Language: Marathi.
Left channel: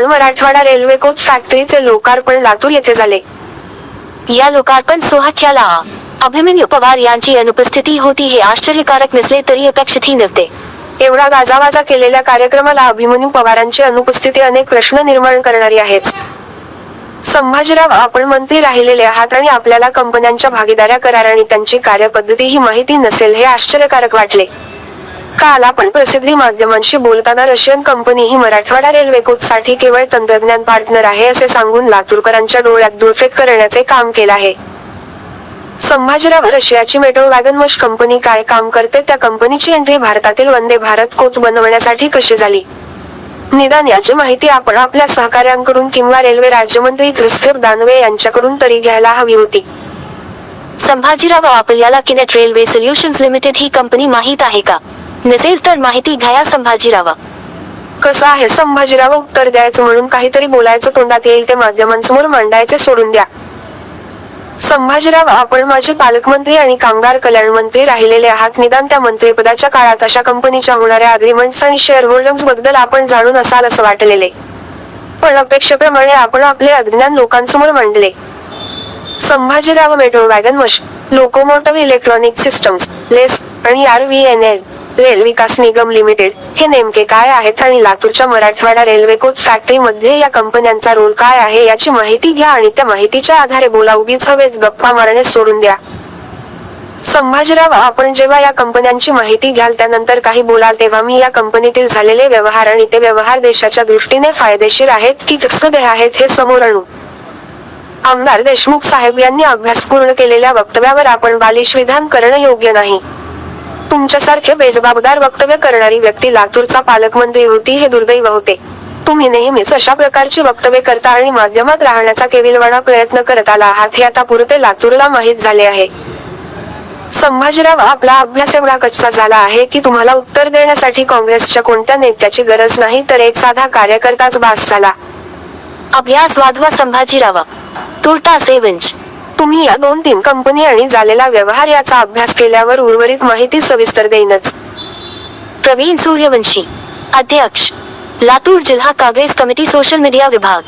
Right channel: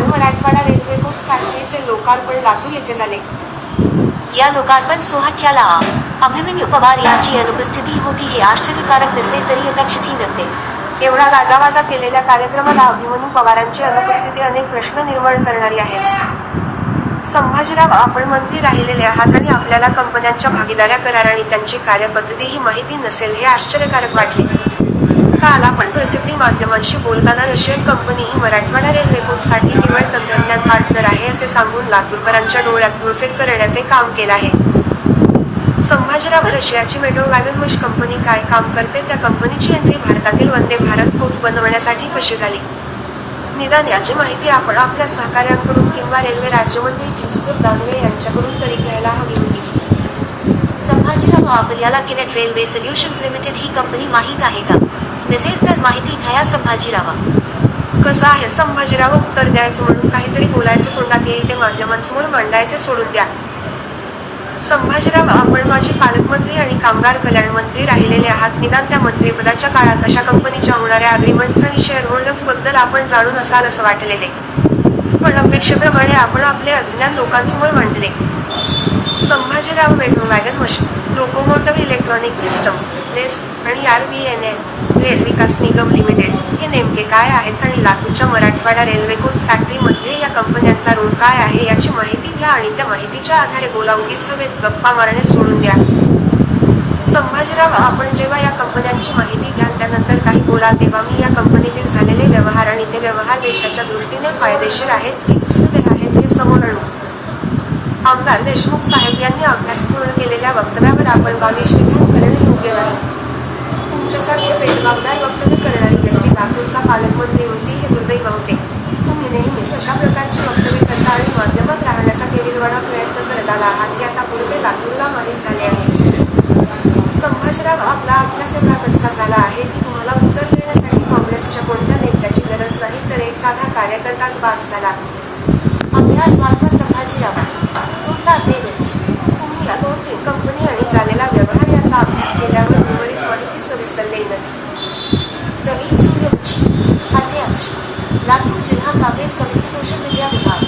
काल मराठवाडा रेल्वे कोच फॅक्टरीचे लोकार्पण लातूर येथे झाले. या लोकार्पण सोहळ्याला अभिमन्यू पवार यांची अनुपस्थिती होती हे आश्चर्यकारक नसले तरी अपेक्षितही नव्हते. एवढा गाजावाजा केलेल्या कार्यक्रमाला अभिमन्यू पवारांची अनुपस्थिती अनेक प्रश्न निर्माण करणारी आहेच. संभाजीराव आपण मंत्री राहिलेले आहात आणि आपल्याला कंपन्यांच्या भागीदाऱ्या करार आणि त्यांची कार्यपद्धती ही माहिती नसेल हे आश्चर्यकारक वाटले. काल आपण प्रसिद्धी माध्यमांशी बोलताना रशियन कंपनी ही मराठवाडा रेल्वे कोचसाठी केवळ तंत्रज्ञान पार्टनर आहे असे सांगून लातूरकरांच्या डोळ्यात धुळफेक करण्याचे काम केलं आहे. संभाजीराव रशियाची मेट्रो वॅगन वॉश कंपनी काय काम करते? त्या कंपनीची एंट्री भारतातील वंदे भारत कोच बनवण्यासाठी कशी झाली? निदान याची माहिती आपण आपल्या सहकाऱ्यांकडून किंवा रेल्वे राज्यमंत्री क्रिस्टोफ दानवे यांच्याकडून तरी घ्यायला हवी होती. संभाजीराव आपल्याला किनेट रेल्वे सोल्युशन्स लिमिटेड ही कंपनी माहीत आहे का? नसेल तर माहिती घ्या संभाजीराव. कसं आहे संभाजीराव? उत्तर द्यायचं म्हणून काहीतरी बोलायचं तोंडात येईल ते माध्यमांसमोर मांडायचे सोडून द्या. संभाजीराव आपण माझे पालकमंत्री आणि कामगार कल्याण मंत्री राहिलेले आहात. निदान त्या मंत्रीपदाच्या काळात अशा कंपनीच्या होणाऱ्या अग्रीमेंट्स आणि शेअर होल्डर्सबद्दल आपण जाणून असाल असं वाटलेले. पण अपेक्षेप्रमाणे आपण आपले अज्ञान लोकांसमोर मांडले. Sambhajirao metro wagon mash locomotive electronic systems लेस आणि R V N L rail Vikas Nigam limited. हे नेमके काय आहेत आणि लातूरच्या मराठवाडा रेल्वे कोच फॅक्टरी मध्ये या कंपन्यांचा रोल काय आहे याची माहिती घ्या आणि त्या माहितीच्या आधारे बोला. उगीच हवेत गप्पा मारणे सोडून द्या. संभाजीराव आपण जेव्हा या कंपन्यांची माहिती घ्याल त्यानंतर काही बोलाल तेव्हा मी या कंपनीतील झालेले व्यवहार आणि ते व्यवहार देशाच्या दृष्टीने फायदेशीर आहेत की तसदे आहेत हे समोर आणू. आमदार देशमुख साहेब यांनी अभ्यास पूर्ण केलेल्या वक्तव्यावर आपण बालिश विधान करणं योग्य नाही. तुमच्यासारखे बेजबाबदार वक्तव्य करणारी व्यक्ती लातूरचा पालकमंत्री होती हे दुर्दैव होते. तुम्ही नेहमीच अशा प्रकारची वक्तव्य करता आणि माध्यमात राहण्याचा केविलवाणा प्रयत्न करत आला आहात हे आता पुरते लातूरला माहीत झाले आहे. संभाजीराव आपला अभ्यास एवढा कच्चा झाला आहे की तुम्हाला उत्तर देण्यासाठी काँग्रेसच्या कोणत्या नेत्याची गरज नाही तर एक साधा कार्यकर्ताच बास झाला. अभ्यास वाढवा संभाजीराव. तोटा सेवंच तुम्ही या दोन तीन कंपनी आणि झालेला व्यवहार याचा अभ्यास केल्यावर उर्वरित माहिती सविस्तर देईनच. प्रवीण सूर्यवंशी अध्यक्ष लातूर जिल्हा काँग्रेस कमिटी सोशल मीडिया विभाग.